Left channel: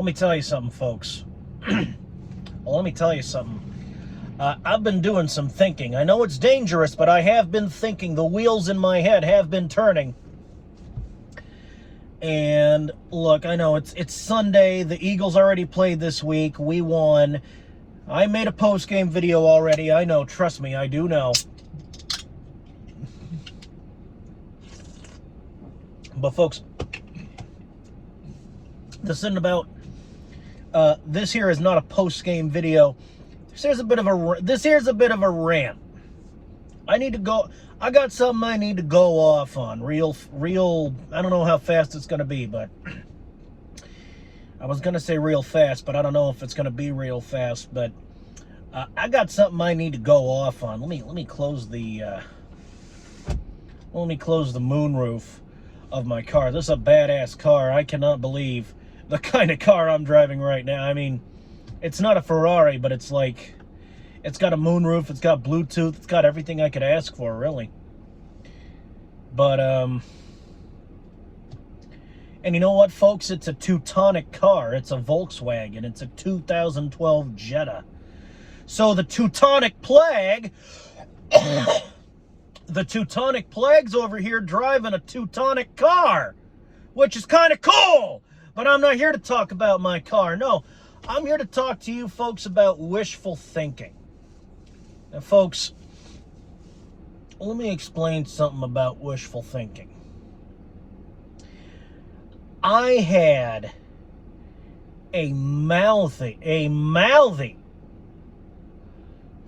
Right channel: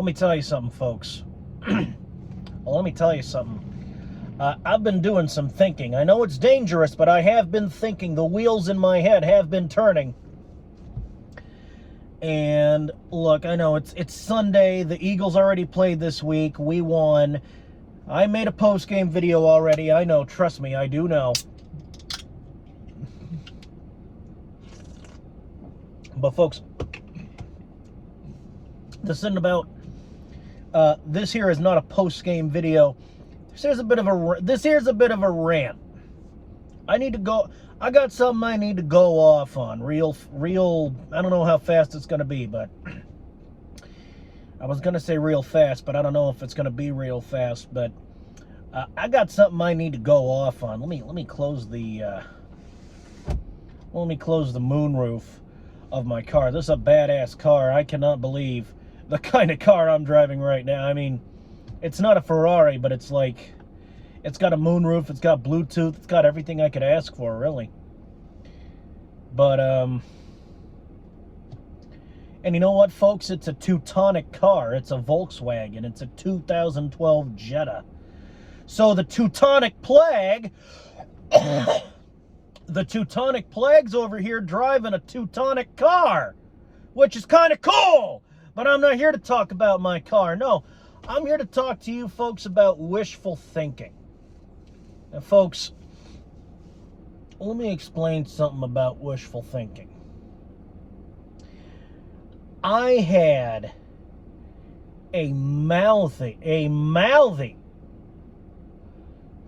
Let me tell you something, folks. Well, let me tell you something. I've been doing some thinking. I know it's dangerous, but I have been thinking. The wheels in my head have been turning. And look, I know it's Sunday. The Eagles already played this week. We won. I made a post-game video already. I know. Trust me, I do know. But folks, this isn't about. This here is not a post-game video. This here's a bit of a rant. I need to go. I got something I need to go off on. Real. I don't know how fast it's gonna be, but I was gonna say real fast, but I don't know if it's gonna be real fast. But I got something I need to go off on. Let me close the. Let me close the moonroof of my car. This is a badass car. I cannot believe the kind of car I'm driving right now. I mean, it's not a Ferrari, but it's like, it's got a moonroof, it's got Bluetooth, it's got everything I could ask for, really. But, and you know what, folks? It's a Teutonic car. It's a Volkswagen. It's a 2012 Jetta. So the Teutonic Plague, the Teutonic Plague's over here driving a Teutonic car, which is kind of cool. But I'm not here to talk about my car. No, I'm here to talk to you folks about wishful thinking. Now, folks, let me explain something about wishful thinking. I had a mouthy,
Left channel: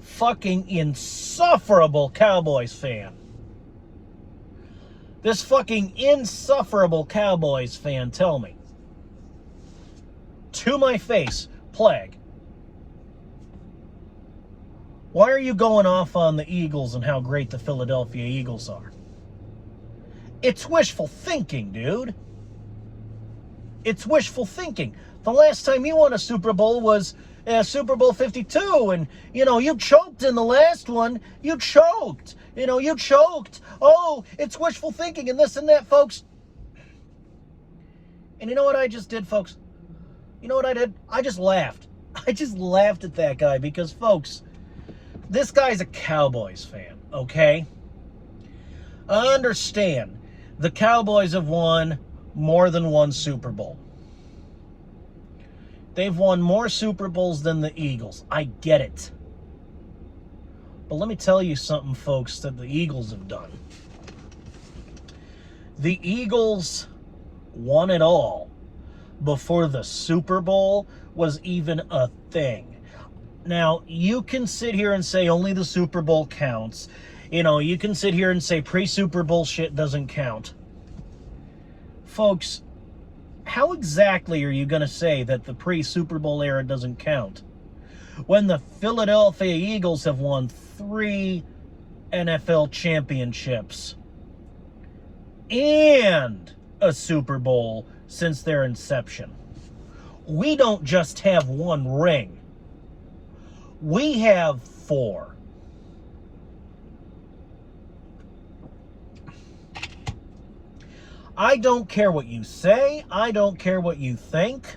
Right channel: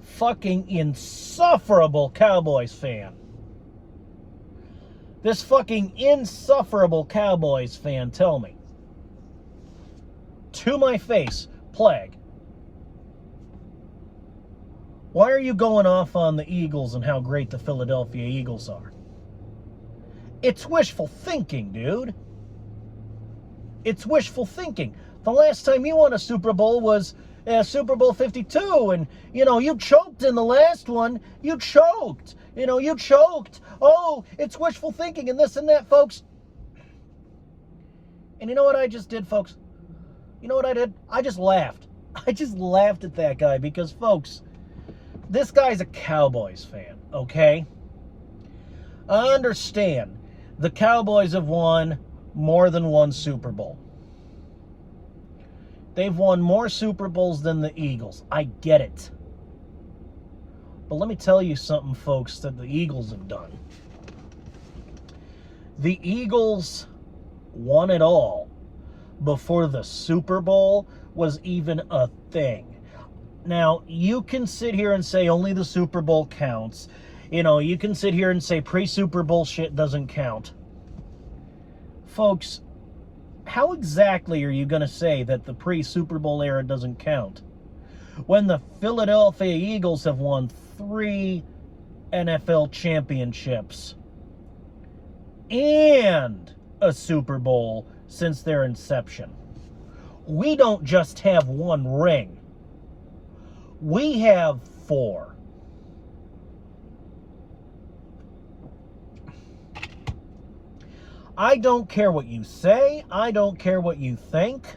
fucking insufferable Cowboys fan. This fucking insufferable Cowboys fan tell me, to my face, Plague, why are you going off on the Eagles and how great the Philadelphia Eagles are? It's wishful thinking, dude. It's wishful thinking. The last time you won a Super Bowl was Super Bowl 52, and, you know, you choked in the last one. You choked. You know, you choked. Oh, it's wishful thinking and this and that, folks. And you know what I just did, folks? You know what I did? I just laughed. I just laughed at that guy because, folks, this guy's a Cowboys fan, okay? I understand. The Cowboys have won more than one Super Bowl. They've won more Super Bowls than the Eagles. I get it. But let me tell you something, folks, that the Eagles have done. The Eagles won it all before the Super Bowl was even a thing. Now, you can sit here and say only the Super Bowl counts. You know, you can sit here and say pre-Super Bowl shit doesn't count. Folks, how exactly are you going to say that the pre-Super Bowl era doesn't count when the Philadelphia Eagles have won 3 NFL championships and a Super Bowl since their inception? We don't just have 1 ring. We have 4. I don't care what you say. I don't care what you think.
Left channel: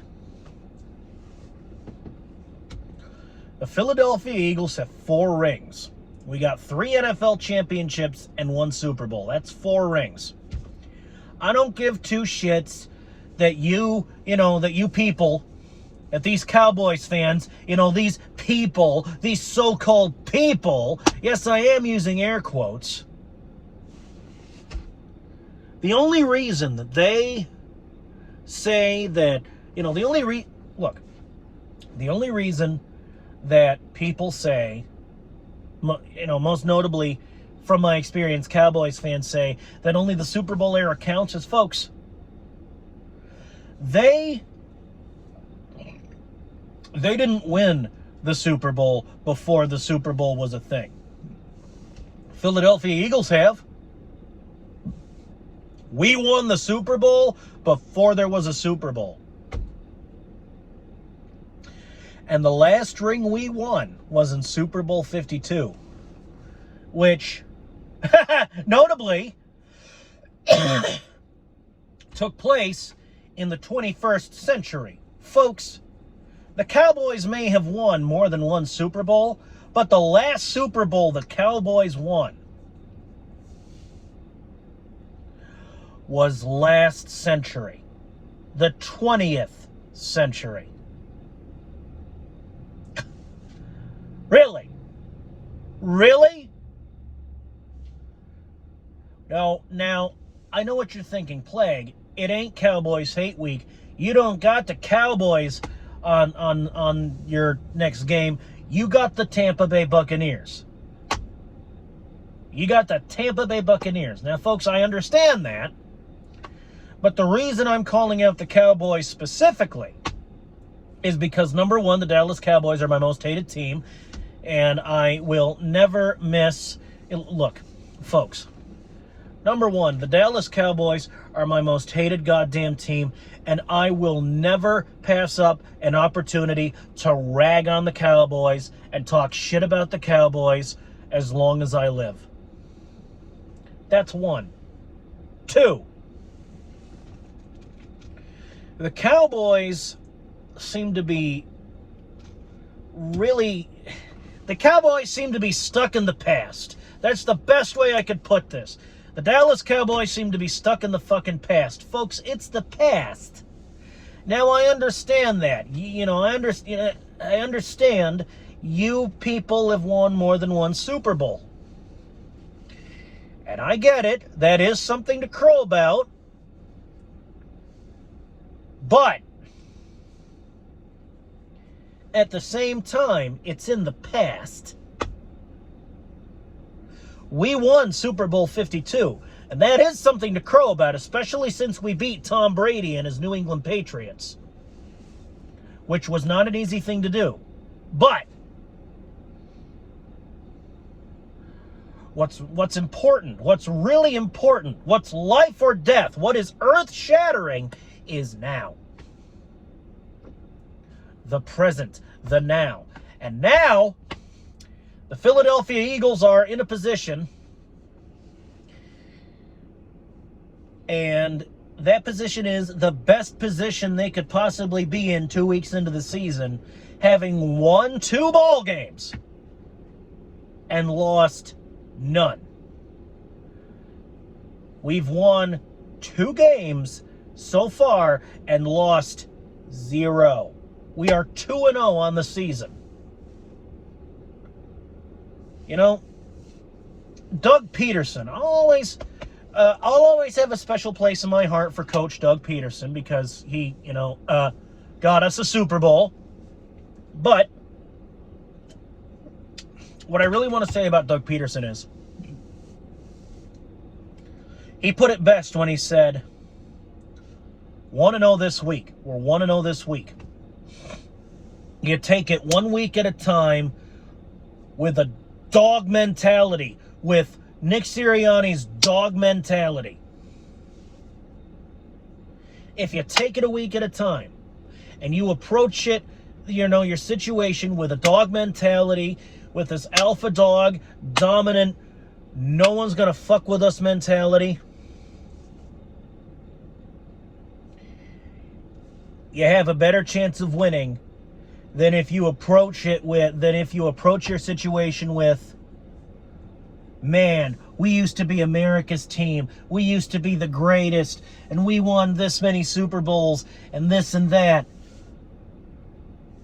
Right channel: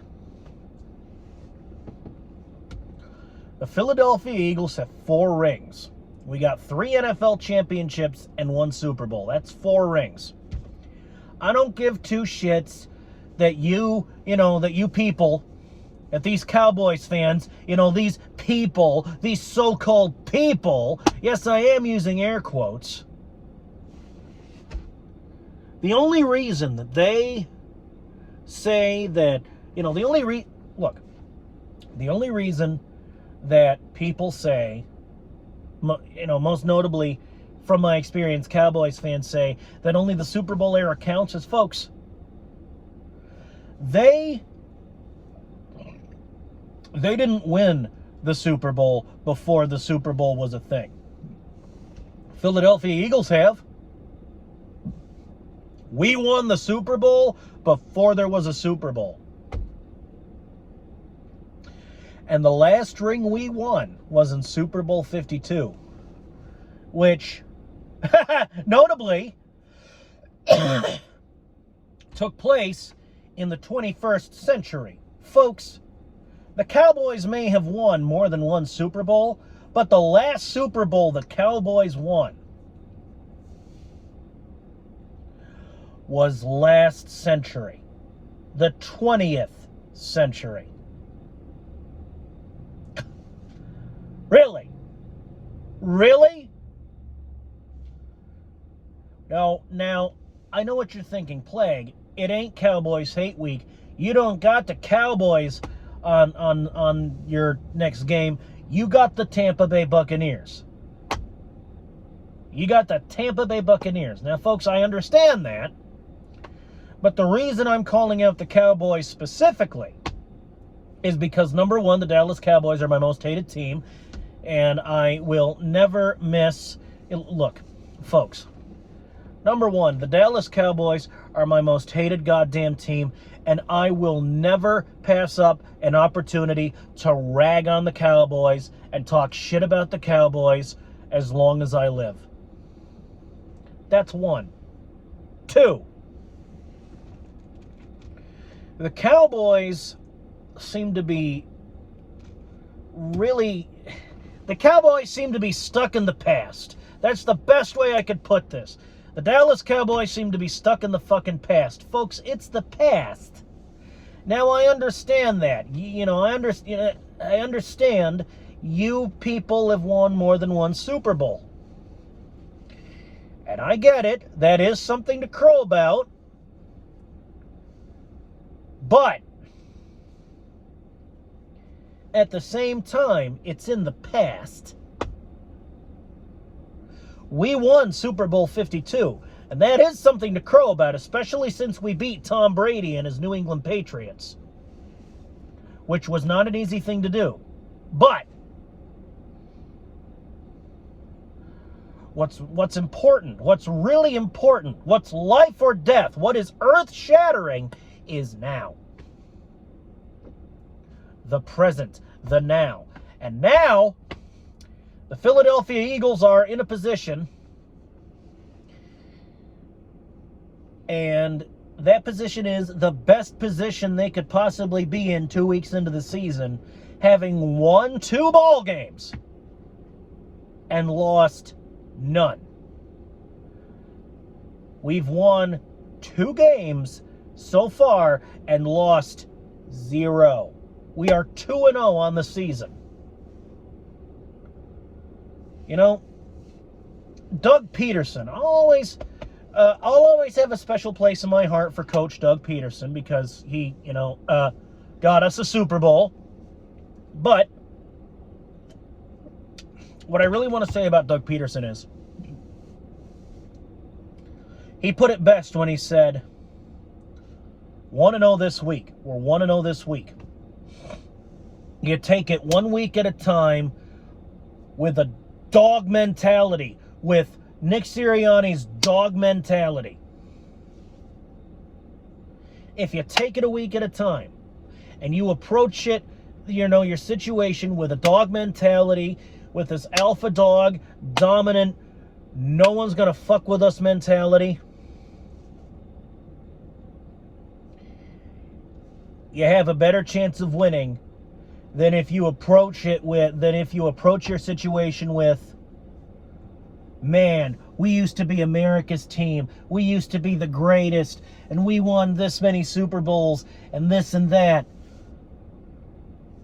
The Philadelphia Eagles have 4 rings. We got 3 NFL championships and 1 Super Bowl. That's 4 rings. I don't give 2 shits that you people, that these Cowboys fans, these people, these so-called people, yes, I am using air quotes. The only reason that they say that, the only reason that people say, most notably from my experience, Cowboys fans say that only the Super Bowl era counts is, folks, they didn't win the Super Bowl before the Super Bowl was a thing. Philadelphia Eagles have. We won the Super Bowl before there was a Super Bowl. And the last ring we won was in Super Bowl 52, which, notably, took place in the 21st century, Folks, the Cowboys may have won more than one Super Bowl, but the last Super Bowl the Cowboys won was last century, the 20th century. Really? Really? Now, I know what you're thinking, Plague. It ain't Cowboys Hate Week. You don't got the Cowboys on your next game. You got the Tampa Bay Buccaneers. You got the Tampa Bay Buccaneers. Now, folks, I understand that. But the reason I'm calling out the Cowboys specifically is because, number one, the Dallas Cowboys are my most hated team. And I will never miss... Look, folks. Number one, the Dallas Cowboys are my most hated goddamn team, and I will never pass up an opportunity to rag on the Cowboys and talk shit about the Cowboys as long as I live. That's one. Two, the Cowboys seem to be stuck in the past. That's the best way I could put this. The Dallas Cowboys seem to be stuck in the fucking past. Folks, it's the past. Now, I understand that. I understand you people have won more than one Super Bowl. And I get it. That is something to crow about. But at the same time, it's in the past. We won Super Bowl 52, and that is something to crow about, especially since we beat Tom Brady and his New England Patriots, which was not an easy thing to do. But what's important, what's really important, what's life or death, what is earth-shattering is now. The present, the now. And now, the Philadelphia Eagles are in a position, and that position is the best position they could possibly be in 2 weeks into the season, having won 2 ball games and lost none. We've won 2 games so far and lost 0. We are 2-0 on the season. You know, Doug Peterson, I'll always have a special place in my heart for Coach Doug Peterson because he, got us a Super Bowl. But what I really want to say about Doug Peterson is he put it best when he said, 1-0 this week. We're 1-0 this week. You take it 1 week at a time with a dog mentality, with Nick Sirianni's dog mentality. If you take it a week at a time and you approach it, your situation with a dog mentality, with this alpha dog, dominant, no one's going to fuck with us mentality, you have a better chance of winning than if you approach your situation with, man, we used to be America's team. We used to be the greatest, and we won this many Super Bowls and this and that.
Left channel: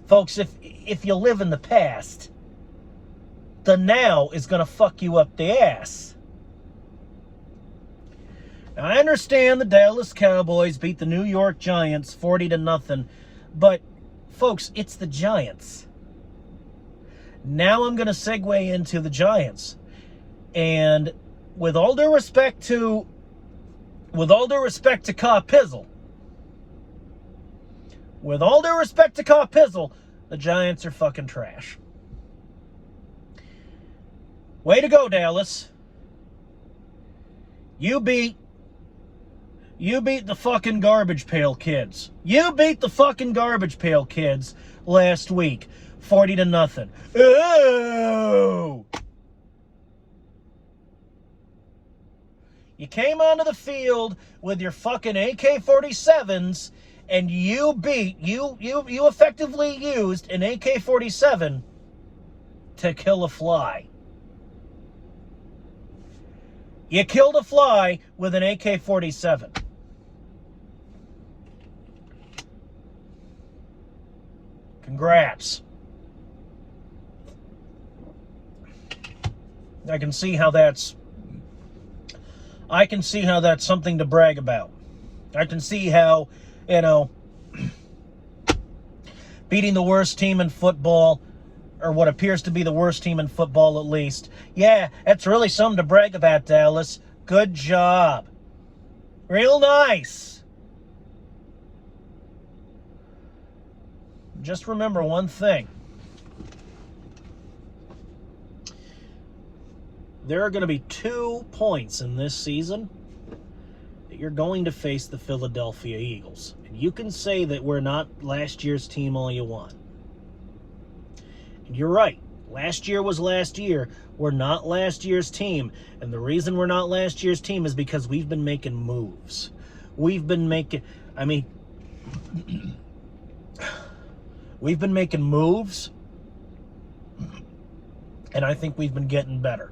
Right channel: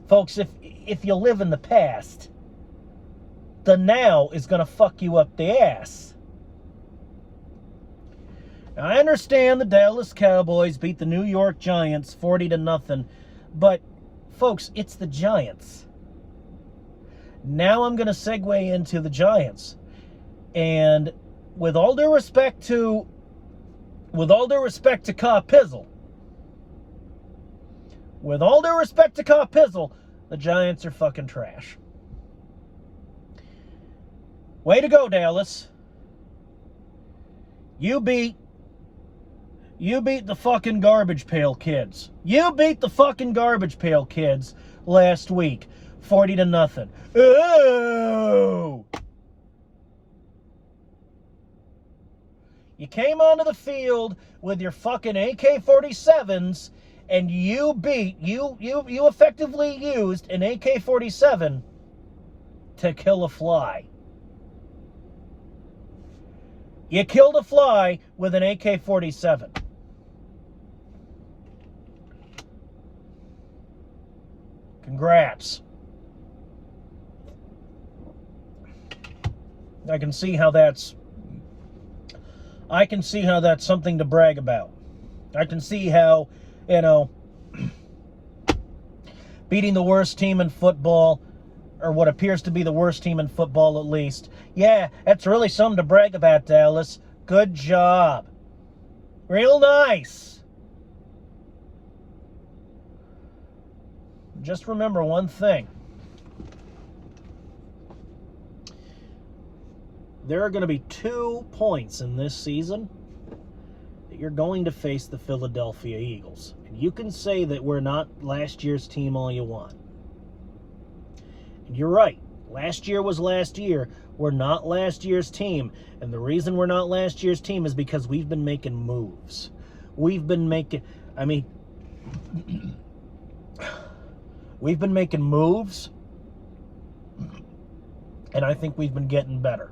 Folks, if you live in the past, the now is going to fuck you up the ass. Now, I understand the Dallas Cowboys beat the New York Giants 40-0, but folks, it's the Giants. Now I'm going to segue into the Giants. And with all due respect to Ka Pizzle, the Giants are fucking trash. Way to go, Dallas. You beat the fucking Garbage Pail Kids. You beat the fucking Garbage Pail Kids last week, 40-0. Ooh! You came onto the field with your fucking AK-47s and you effectively used an AK-47 to kill a fly. You killed a fly with an AK-47. Congrats. I can see how that's something to brag about. I can see how, beating the worst team in football, or what appears to be the worst team in football at least. Yeah, that's really something to brag about, Dallas. Good job. Real nice. Just remember one thing. There are going to be 2 points in this season that you're going to face the Philadelphia Eagles. And you can say that we're not last year's team all you want. And you're right. Last year was last year. We're not last year's team. And the reason we're not last year's team is because we've been making moves. We've been making moves. And I think we've been getting better.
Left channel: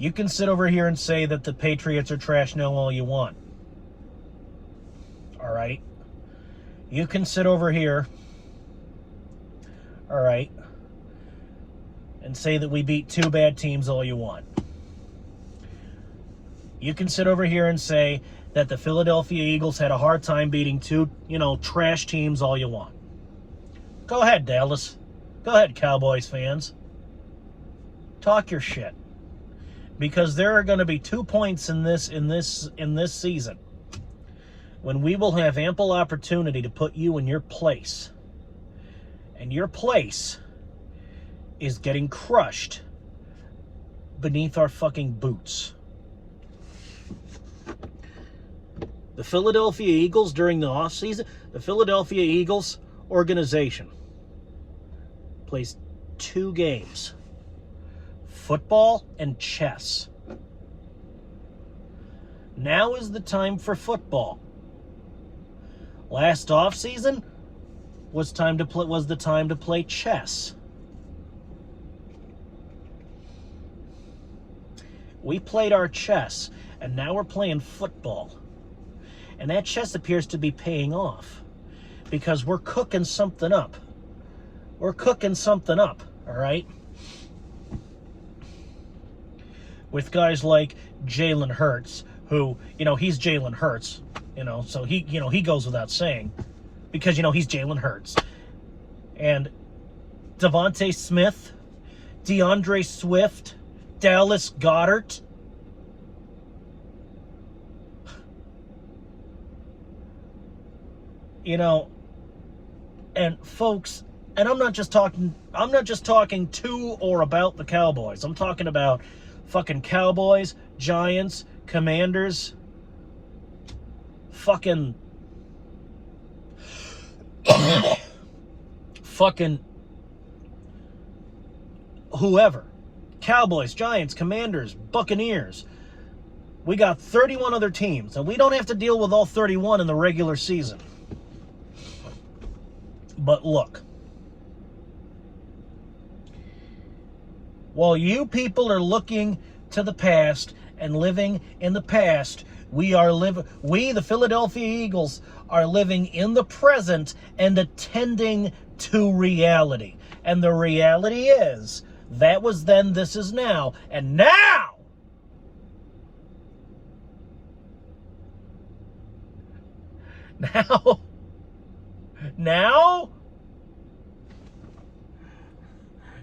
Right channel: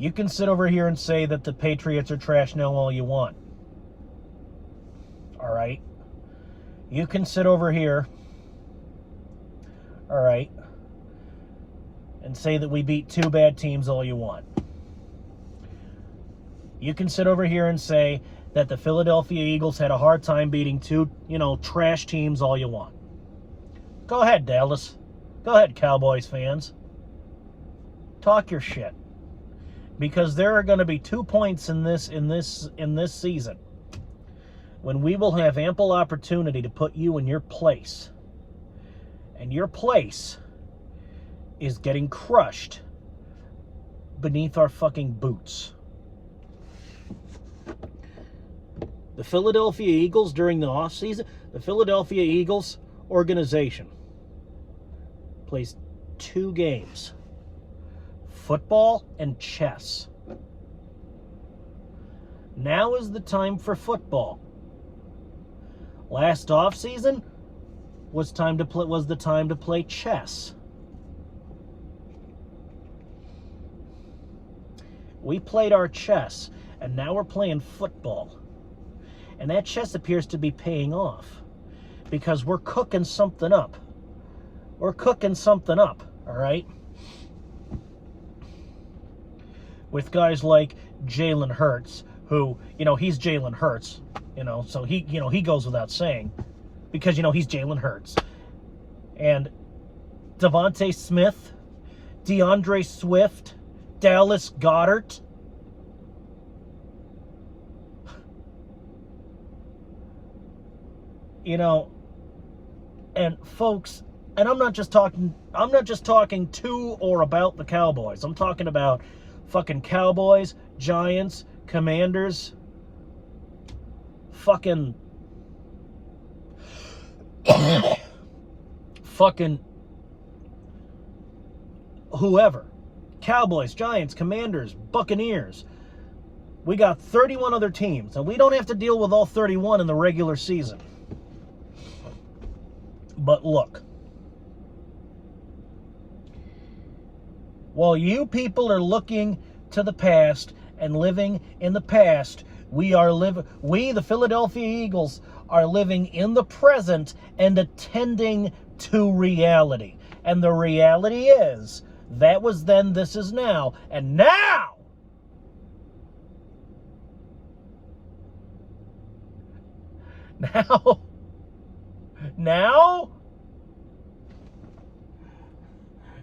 You can sit over here and say that the Patriots are trash now all you want. All right? You can sit over here, all right, and say that we beat 2 bad teams all you want. You can sit over here and say that the Philadelphia Eagles had a hard time beating 2, trash teams all you want. Go ahead, Dallas. Go ahead, Cowboys fans. Talk your shit. Because there are going to be 2 points in this season when we will have ample opportunity to put you in your place. And your place is getting crushed beneath our fucking boots. The Philadelphia Eagles during the offseason, the Philadelphia Eagles organization plays 2 games. Football and chess. Now is the time for football. Last offseason was the time to play chess. We played our chess, and now we're playing football. And that chess appears to be paying off because we're cooking something up. We're cooking something up, all right? With guys like Jalen Hurts, who, he's Jalen Hurts, so he goes without saying, because, he's Jalen Hurts. And Devontae Smith, DeAndre Swift, Dallas Goedert. And folks, and I'm not just talking to or about the Cowboys. I'm talking about fucking Cowboys, Giants, Commanders, fucking whoever. Cowboys, Giants, Commanders, Buccaneers. We got 31 other teams, and we don't have to deal with all 31 in the regular season. But look, while you people are looking to the past and living in the past, we, the Philadelphia Eagles, are living in the present and attending to reality. And the reality is, that was then, this is now. And now,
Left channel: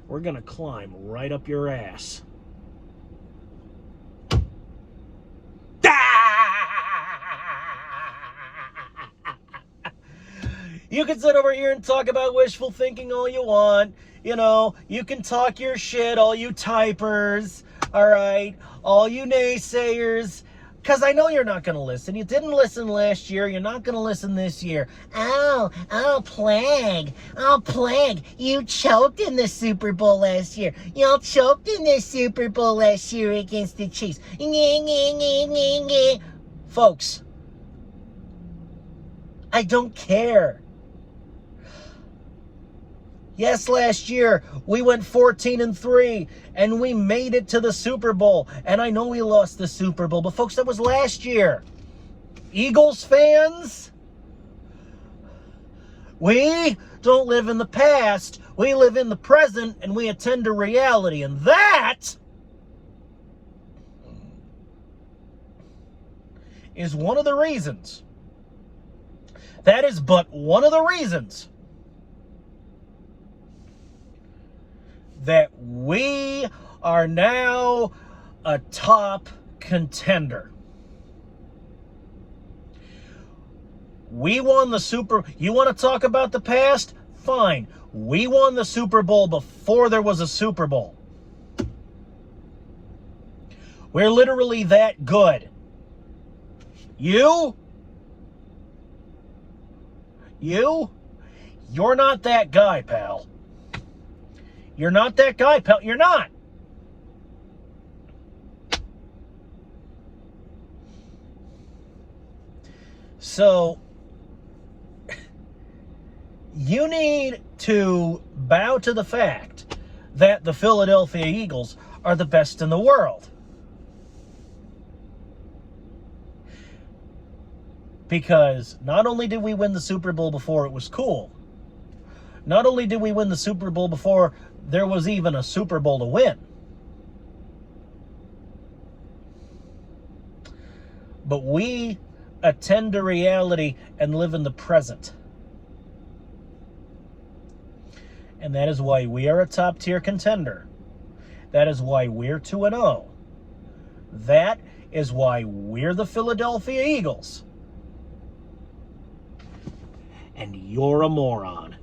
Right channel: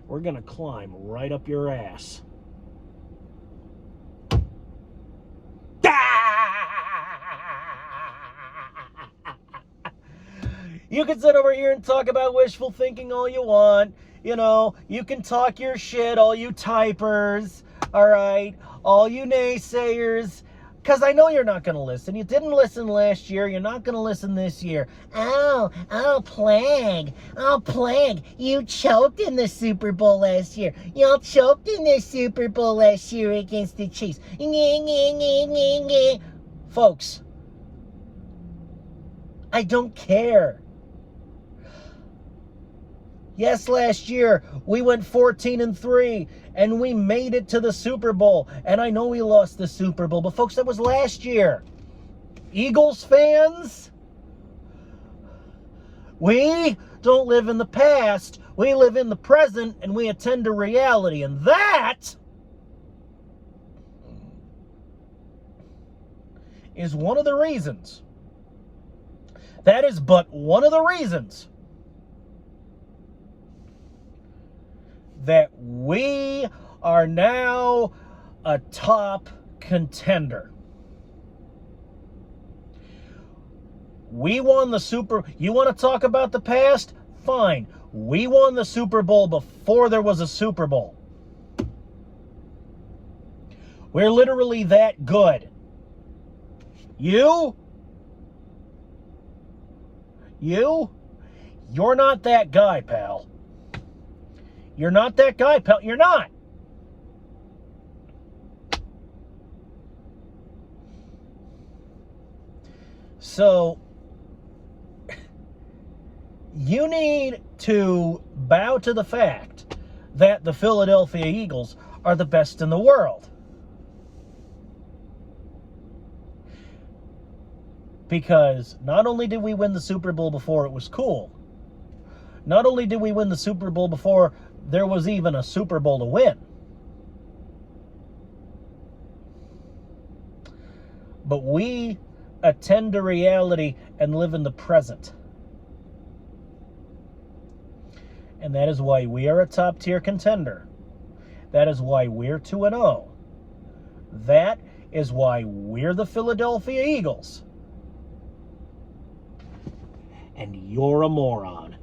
we're going to climb right up your ass. You can sit over here and talk about wishful thinking all you want. You can talk your shit, all you typers, all right? All you naysayers. Because I know you're not going to listen. You didn't listen last year. You're not going to listen this year. Oh, plague. Oh, plague. You choked in the Super Bowl last year. Y'all choked in the Super Bowl last year against the Chiefs. Folks, I don't care. Yes, last year we went 14-3 and we made it to the Super Bowl. And I know we lost the Super Bowl, but folks, that was last year. Eagles fans, we don't live in the past. We live in the present and we attend to reality. And that is one of the reasons. That is but one of the reasons that we are now a top contender. We won the You want to talk about the past? Fine. We won the Super Bowl before there was a Super Bowl. We're literally that good. You're not that guy, pal. You're not that guy, pal. You're not. So, you need to bow to the fact that the Philadelphia Eagles are the best in the world. Because not only did we win the Super Bowl before it was cool, not only did we win the Super Bowl before there was even a Super Bowl to win, but we attend to reality and live in the present. And that is why we are a top-tier contender. That is why we're 2-0. That is why we're the Philadelphia Eagles. And you're a moron.